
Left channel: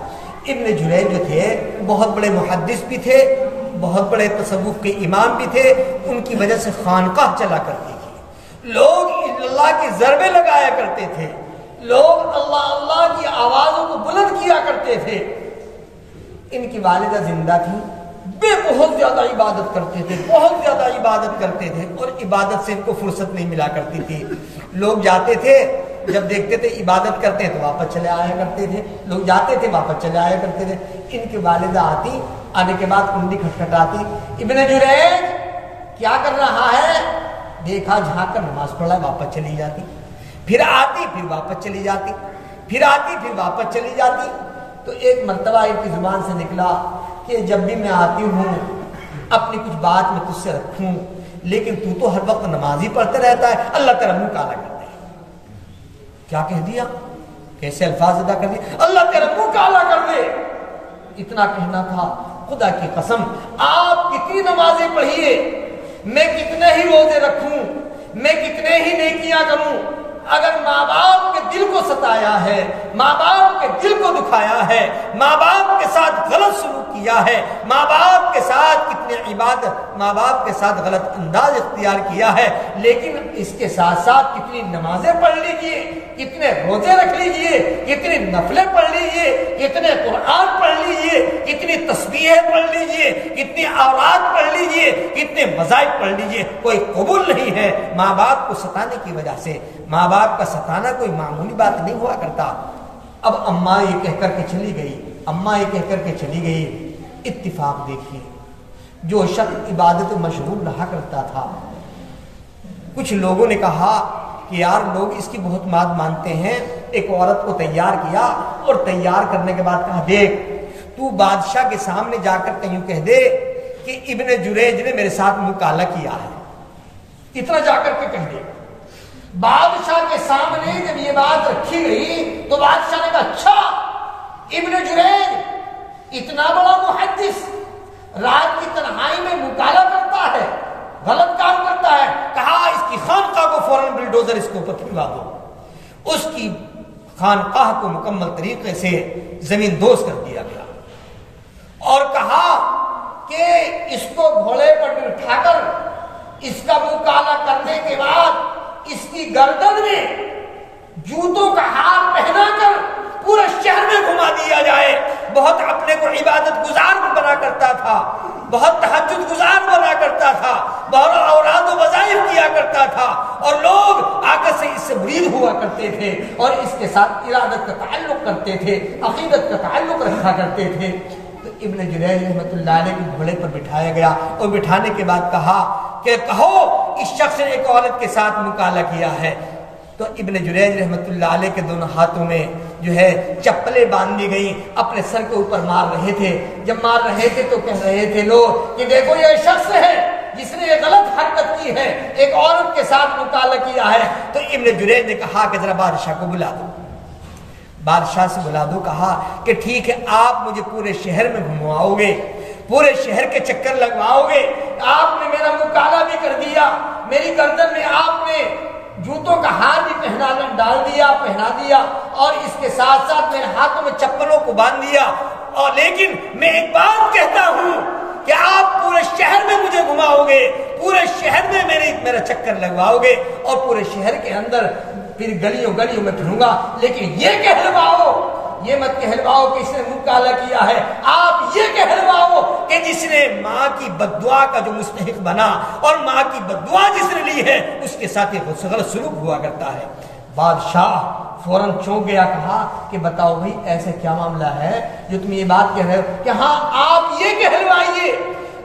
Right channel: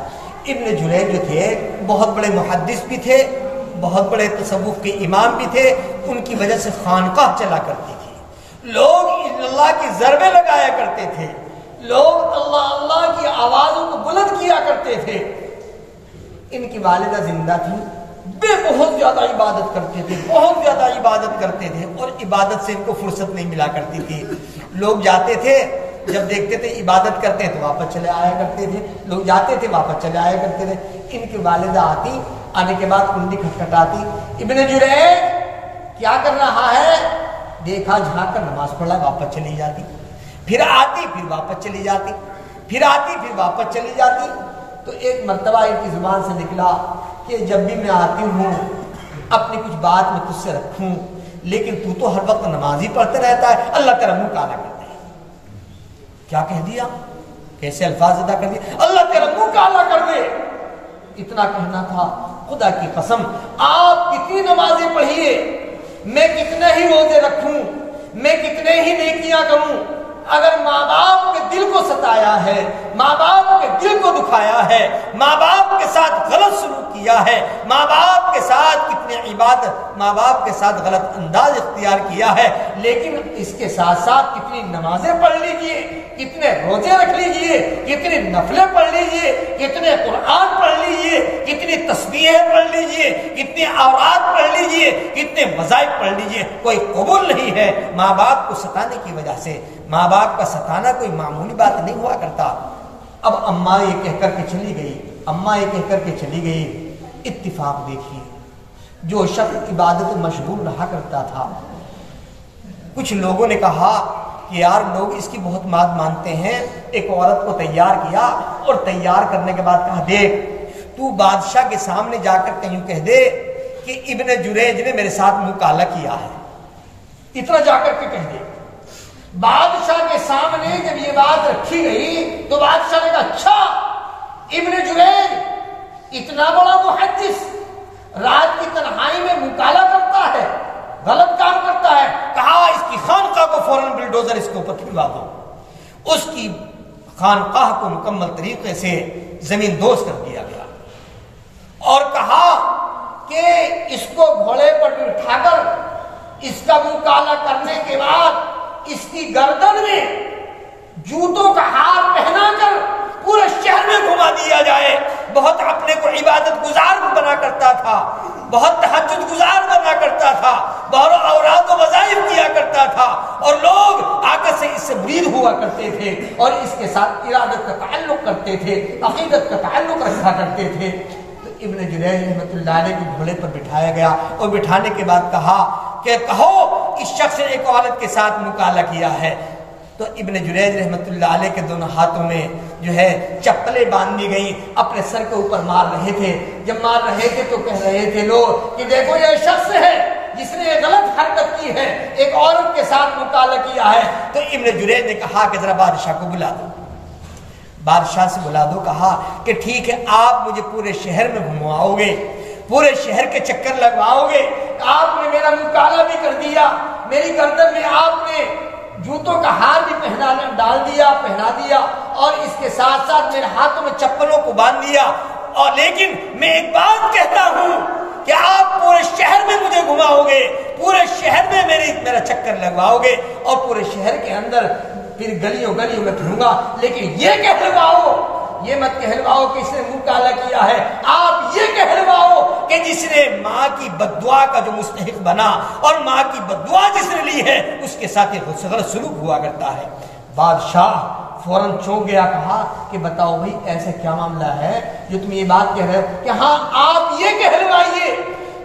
ابن جریج جو تھے بہت بڑے محدث بھی تھے، بہت بڑے تصوف کے امام بھی تھے، ان کی وجہ سے خانقاہ چلا کرتی تھی، لوگ اللہ کی ضربیں لگایا کرتے تھے، لوگ اللہ اللہ کی آوازوں کو بلند کیا کرتے تھے۔ ان کی والدہ زندہ تھی، وہ بہت زیادہ عبادت کرتے تھے، بہت زیادہ عبادت کرتے تھے، اور عبادت سے ان کو فرصت نہیں ملا کرتی تھی۔ لوگ جاتے تھے، جب دیکھتے تھے عبادت کرتے ہیں تو واپس چلے آیا کرتے تھے، لوگ جاتے تھے واپس چلے آیا کرتے تھے۔ ان کی والدہ آتی، آنے کے بعد کنڈی کھٹکھٹاتی، ابن جریج کیا کر رہا ہے؟ دیکھا جھانک کر نماز پڑھا، واپس چلی جاتی، پھر آتی پھر واپس چلی جاتی، پھر آتی پھر واپس چلی جاتی۔ تو ایک مرتبہ ان کی زبان سے نکلا کہ جب بھی میں آتی ہوں اپنی کچھ بات میں تجھ سے رکھوں، لیکن تو تو ہر وقت نماز ہی پڑھتے رہتا ہے، اللہ تیرا منہ کالا کر دے۔ کیا کہہ دیا؟ کیسے الفاظ ادا کر دیے؟ اللہ تیرا منہ کالا کر دے۔ اتنا کہنا تھا، خدا کی قسم آپ کتنی نمازیں پڑھیے، میں کتنے ہی روزے رکھوں، میں کتنے ہی نیکیاں کروں، اگر ماں باپ کے دل کو ستایا ہے، ماں باپ کے دل کو دکھایا ہے، ماں باپ کے ساتھ غلط سلوک کیا ہے، ماں باپ کے ساتھ کتنے عبادت، ماں باپ کے ساتھ غلط انداز اختیار کیا ہے، لیکن اس کے ساتھ ساتھ کتنی نمازیں پڑھ لیجئے، کتنے روزے رکھ لیجئے، کتنی نفلیں پڑھ لیجئے، کتنے قرآن پڑھ لیجئے، کتنی تسبیحیں پڑھ لیجئے، کتنی اوراد پڑھ لیجئے، کتنے وظائف پڑھ لیجئے، کوئی قبول نہیں ہے ماں باپ کو ستانے کی وجہ سے۔ ماں باپ کا ستانا کوئی معمولی بات نہیں ہوا کرتا۔ اب اماں یہ کہہ کر کے چلی گئی، اماں یہ کہہ کر کے چلی گئی، اتفاق دیکھیے، جو شخص عبادت مشغول رہا کرتا تھا، کچھ لوگوں نے کہا کہ یار لوگ اس کی بہت بات مانتے ہیں، ایک عورت کو تیار کیا اور تیار کرنے کے بعد کہا دیکھ تو بادشاہ کے سامنے جا کر کہیں کہہ دے کہ ابن جریج نے میرے ساتھ مکالہ کیا ہے، اتنا جا کر کے کہہ دے۔ بادشاہ کے سامنے جب یہ بات رکھی گئی تو بادشاہ نے کہا اچھا ابن جریج اتنا بڑا محدث رات کی تنہائی میں مکالہ کرتا ہے، غلط کام کرتا ہے، کہا اس کی خانقاہ کو فوراً بلڈوزر اس کے اوپر کھلوا دو۔ اس کی خانقاہ کو مکمل طریقے سے زمین دوز کر دیا گیا اور کہا کہ اس کو گھوڑے پر بٹھا کر اس کا مکالہ کرنے کے بعد اس کی گردن میں جوتوں کا ہار پہنا کر پورے شہر میں گھما دیا جائے۔ بہت اپنے کو عبادت گزار بنا کرتا تھا، بہت تہجد گزار بنا کرتا تھا، بہت اوراد و وظائف کیا کرتا تھا، اور لوگ آ کر سے اس سے مرید ہوا کرتے تھے اور اس کے ساتھ ارادت کا تعلق کرتے تھے، عقیدت کا تعلق رکھا کرتے تھے۔ تو ابن جریج رحمۃ اللہ علیہ کو گھوڑے پر بٹھایا گیا اور بٹھانے کے بعد کہا کہ کہو اس شخص نے ایک عورت کے ساتھ مکالہ کیا ہے۔ تو ابن جریج رحمۃ اللہ علیہ کے دونوں ہاتھوں میں جو ہے چپلیں باندھ دی گئیں، اپنے سر کے اوپر مار رہے تھے۔ جب مار رہے تھے تو کہہ رہے تھے لوگ کہ دیکھو یہ شخص ہے جس نے یہ غلط حرکت کی ہے، ایک عورت کے ساتھ مکالہ کیا ہے۔ تو ابن جریج نے کہا کہ ذرا بادشاہ کو بلا دو، بادشاہ سے بلا دو۔ کہا کہ ٹھیک ہے آپ مجھے پورے شہر میں گھمواؤ گے، پورے شہر کے چکر لگواؤ گے، آپ نے میرا مکالہ بھی کر دیا، میری گردن میں آپ نے جوتوں کا ہار بھی پہنا دیا اور اس کے ساتھ ساتھ میرے ہاتھوں میں چپلوں کو باندھ دیا، اور لیکن میں ایک بات کہتا ہوں کہ آپ پورے شہر میں مجھے گھماؤ گے، پورے شہر میں میرا چکر لگواؤ گے اور پورے شہر کے اندر پھر گلیوں میں پھروں گا، لیکن یہ کہلواؤ، یہ مت کہلواؤ کہ اس نے مکالہ کیا ہے، آپ یہ کہلواؤ کہ جس نے ماں کی بددعا کا جو مستحق بنا اور ماں کی بددعا جس نے لی ہے اس کے ساتھ یہ غلط سلوک ہوا کرتا ہے۔ بادشاہ فوراً چونک گیا، کہا کہ بتاؤ بھائی ایسا کیا معاملہ ہے جو تم یہ بات کہہ رہے ہو کہ ہاں آپ یہ کہلوائیے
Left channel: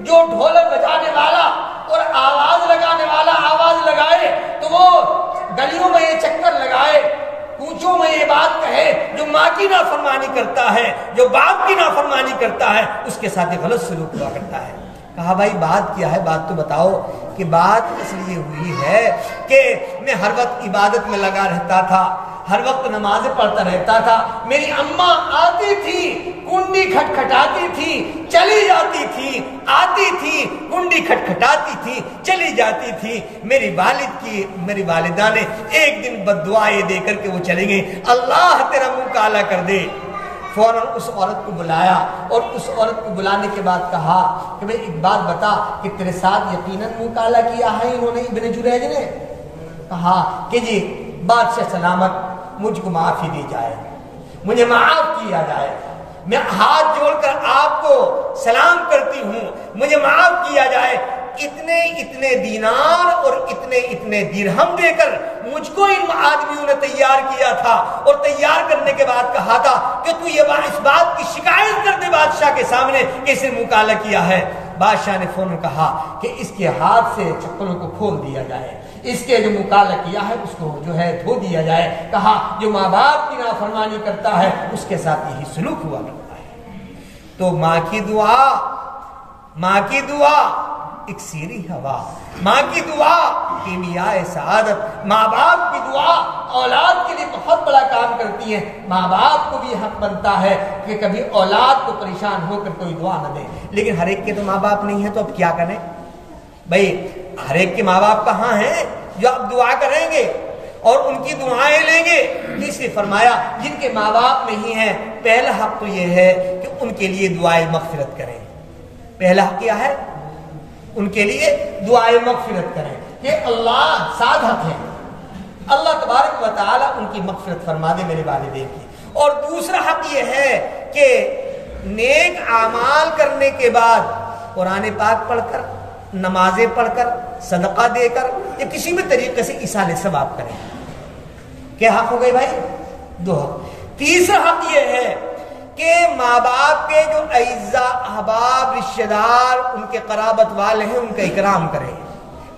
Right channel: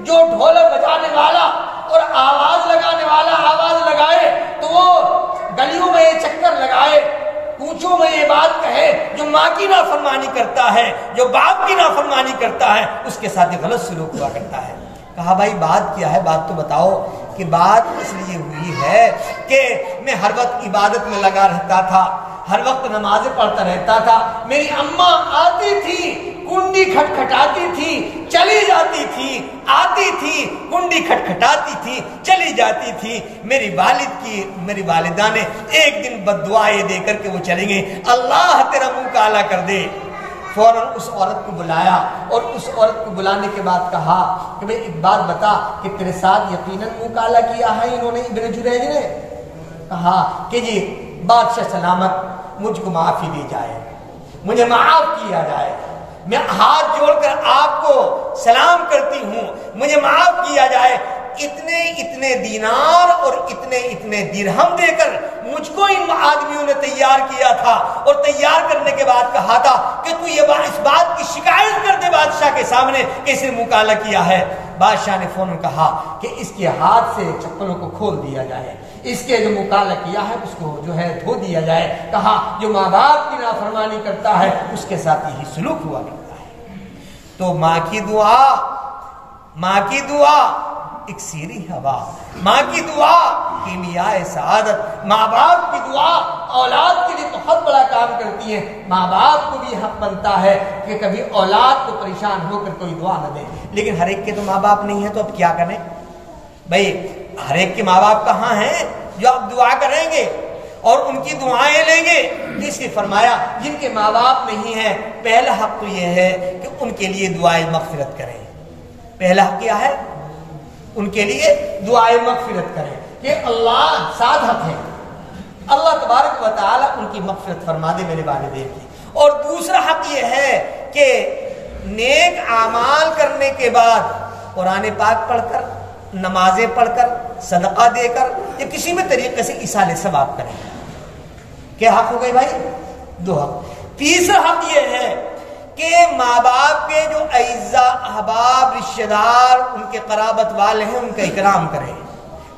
جو ڈھولک بجانے والا اور آواز لگانے والا آواز لگائے تو وہ گلیوں میں یہ چکر لگائے، کوچوں میں یہ بات کہے، جو ماں کی نافرمانی کرتا ہے، جو باپ کی نافرمانی کرتا ہے اس کے ساتھ غلط سلوک ہوا کرتا ہے۔ کہا بھائی بات کیا ہے، بات تو بتاؤ۔ کہ بات اس لیے ہوئی ہے کہ میں ہر وقت عبادت میں لگا رہتا تھا، ہر وقت نمازیں پڑھتا رہتا تھا، میری اماں آتی تھی کنڈی کھٹکھٹاتی تھی چلی جاتی تھی، آتی تھی کنڈی کھٹکھٹاتی تھی چلی جاتی تھی، میری والدہ نے ایک دن بددعائیں دے کر کے وہ چلی گئی، اللہ تیرا منہ کالا کر دے۔ فوراً اس عورت کو بلایا اور اس عورت کو بلانے کے بعد کہا کہ بھئی ایک بات بتا کہ تیرے ساتھ یقیناً منہ کالا کیا ہے انہوں نے، ابن جریج نے؟ کہا کہ جی بادشاہ سلامت مجھ کو معافی دی جائے، مجھے معاف کیا جائے، میں ہاتھ جوڑ کر آپ کو سلام کرتی ہوں، مجھے معاف کیا جائے۔ اتنے دینار اور اتنے درہم دے کر مجھ کو ان آدمیوں نے تیار کیا تھا، اور تیار کرنے کے بعد کہا تھا کہ تو یہ اس بات کی شکایت کر دے بادشاہ کے سامنے کہ اسے مکالہ کیا ہے۔ بادشاہ نے فوراً کہا کہ اس کے ہاتھ سے چپلوں کو کھول دیا جائے، اس کے جو مکالہ کیا ہے اس کو جو ہے دھو دیا جائے۔ کہا جو ماں باپ کی نافرمانی کرتا ہے اس کے ساتھ یہی سلوک ہوا کرتا ہے۔ تو ماں کی دعا اکسیری ہوا، ماں کی دعا کیمیاء سعادت، ماں باپ کی دعا اولاد کے لیے بہت بڑا کام کرتی ہے۔ ماں باپ کو بھی حق بنتا ہے کہ کبھی اولاد کو پریشان ہو کر کوئی دعا نہ دے، لیکن ہر ایک کے تو ماں باپ نہیں ہے، تو اب کیا کریں بھائی؟ ہر ایک کے ماں باپ کہاں ہیں جو اب دعا کریں گے؟ اور ان کی دعائیں لیں گے، اس نے فرمایا جن کے ماں باپ نہیں ہیں پہلا حق تو یہ ہے کہ ان کے لیے دعائے مغفرت کریں۔ پہلا حق کیا ہے؟ ان کے لیے دعائے مغفرت کریں کہ اللہ ساتھ حق ہے، اللہ تبارک و تعالی ان کی مغفرت فرما دے میرے والدین کی۔ اور دوسرا حق یہ ہے کہ نیک اعمال کرنے کے بعد قرآن پاک پڑھ کر، نمازیں پڑھ کر، صدقہ دے کر یا کسی بھی طریقے سے ایصال ثواب کریں۔ کیا حق ہو گئے بھائی؟ دو حق۔ تیسرا حق یہ ہے کہ ماں باپ کے جو اعزاء، احباب، رشتہ دار، ان کے قرابت والے ہیں ان کا اکرام کریں۔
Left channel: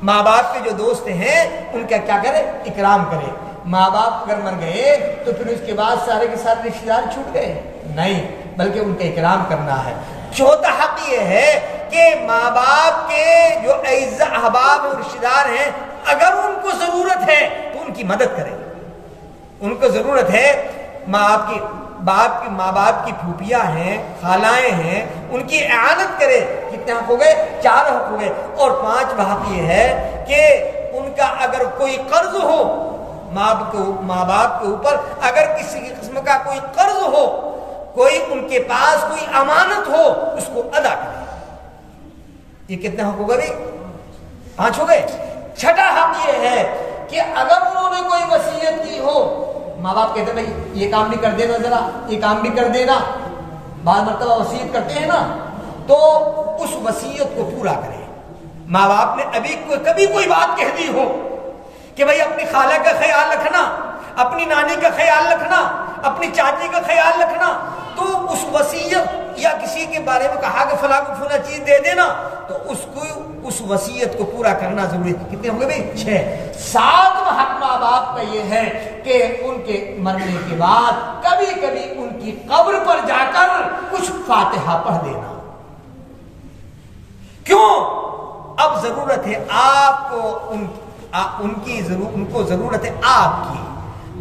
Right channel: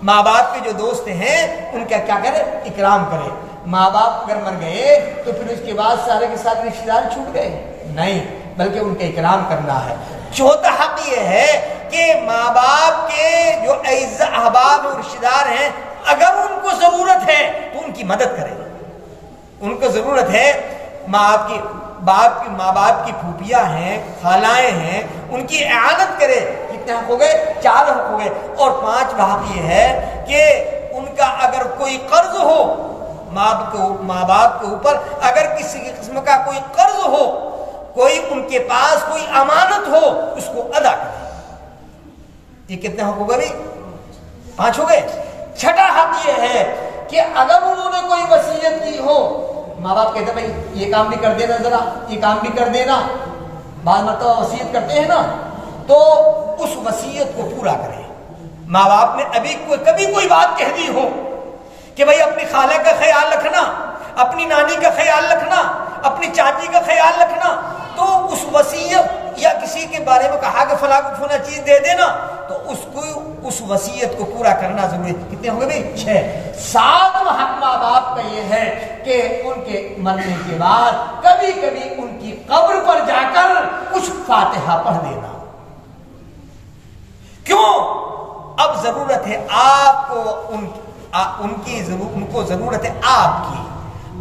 ماں باپ کے جو دوست ہیں ان کا کیا کرے؟ اکرام کرے۔ ماں باپ اگر مر گئے تو پھر اس کے بعد سارے کے سارے رشتہ دار چھوٹ گئے؟ نہیں، بلکہ ان کا اکرام کرنا ہے۔ چوتھا حق یہ ہے کہ ماں باپ کے جو اعزاء، احباب اور رشتہ دار ہیں اگر ان کو ضرورت ہے تو ان کی مدد کرے۔ ان کو ضرورت ہے، ماں باپ کی پھوپھیاں ہیں، خالائیں ہیں، ان کی اعانت کرے۔ کتنے حق ہو گئے؟ 4 حق ہو گئے۔ اور 5واں حق یہ ہے کہ ان کا اگر کوئی قرض ہو، ماں باپ کے اوپر اگر کسی قسم کا کوئی قرض ہو، کوئی ان کے پاس کوئی امانت ہو، اس کو ادا کرے۔ یہ کتنے حق ہو گئے بھائی؟ 5 ہو گئے۔ چھٹا حق یہ ہے کہ اگر انہوں نے کوئی وصیت کی ہو، ماں باپ کہتے ہیں بھائی یہ کام بھی کر دینا، ذرا یہ کام بھی کر دینا، بعض مرتبہ وصیت کرتے ہیں نا، تو اس وصیت کو پورا کریں۔ ماں باپ نے کبھی کوئی بات کہہ دی ہو کہ بھائی اپنی خالہ کا خیال رکھنا، اپنی نانی کا خیال رکھنا، اپنی چاچی کا خیال رکھنا، تو اس وصیت یا کسی کے بارے میں کہا کہ فلاں کو فلاں چیز دے دینا، تو اس وصیت کو پورا کرنا ضروری ہے۔ کتنے ہو گئے بھائی؟ 6۔ 7واں حق ماں باپ کا یہ ہے کہ ان کے مرنے کے بعد کبھی کبھی ان کی قبر پر جا کر کچھ فاتحہ پڑھ دینا۔ کیوں؟ اب ضرورت ہے آپ کو، ان کو ضرورت ہے آپ کی۔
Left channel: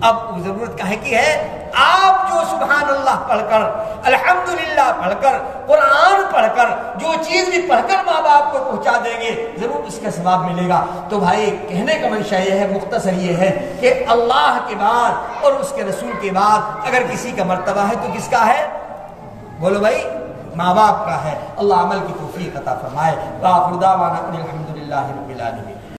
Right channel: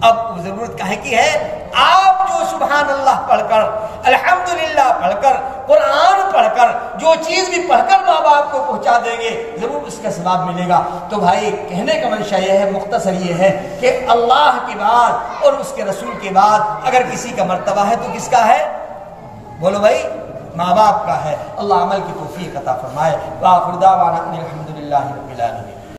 اب ضرورت کہے کی ہے؟ آپ جو سبحان اللہ پڑھ کر، الحمدللہ پڑھ کر، قرآن پڑھ کر، جو چیز بھی پڑھ کر ماں باپ کو پہنچا دیں گے ضرور اس کا ثواب ملے گا۔ تو بھائی کہنے کا منشا یہ ہے، مختصر یہ ہے کہ اللہ کے بعد اور اس کے رسول کے بعد اگر کسی کا مرتبہ ہے تو کس کا ہے؟ بولو بھائی، ماں باپ کا ہے۔ اللہ عمل کی توفیق عطا فرمائے۔ وآخر دعوانا ان الحمدللہ رب العالمین۔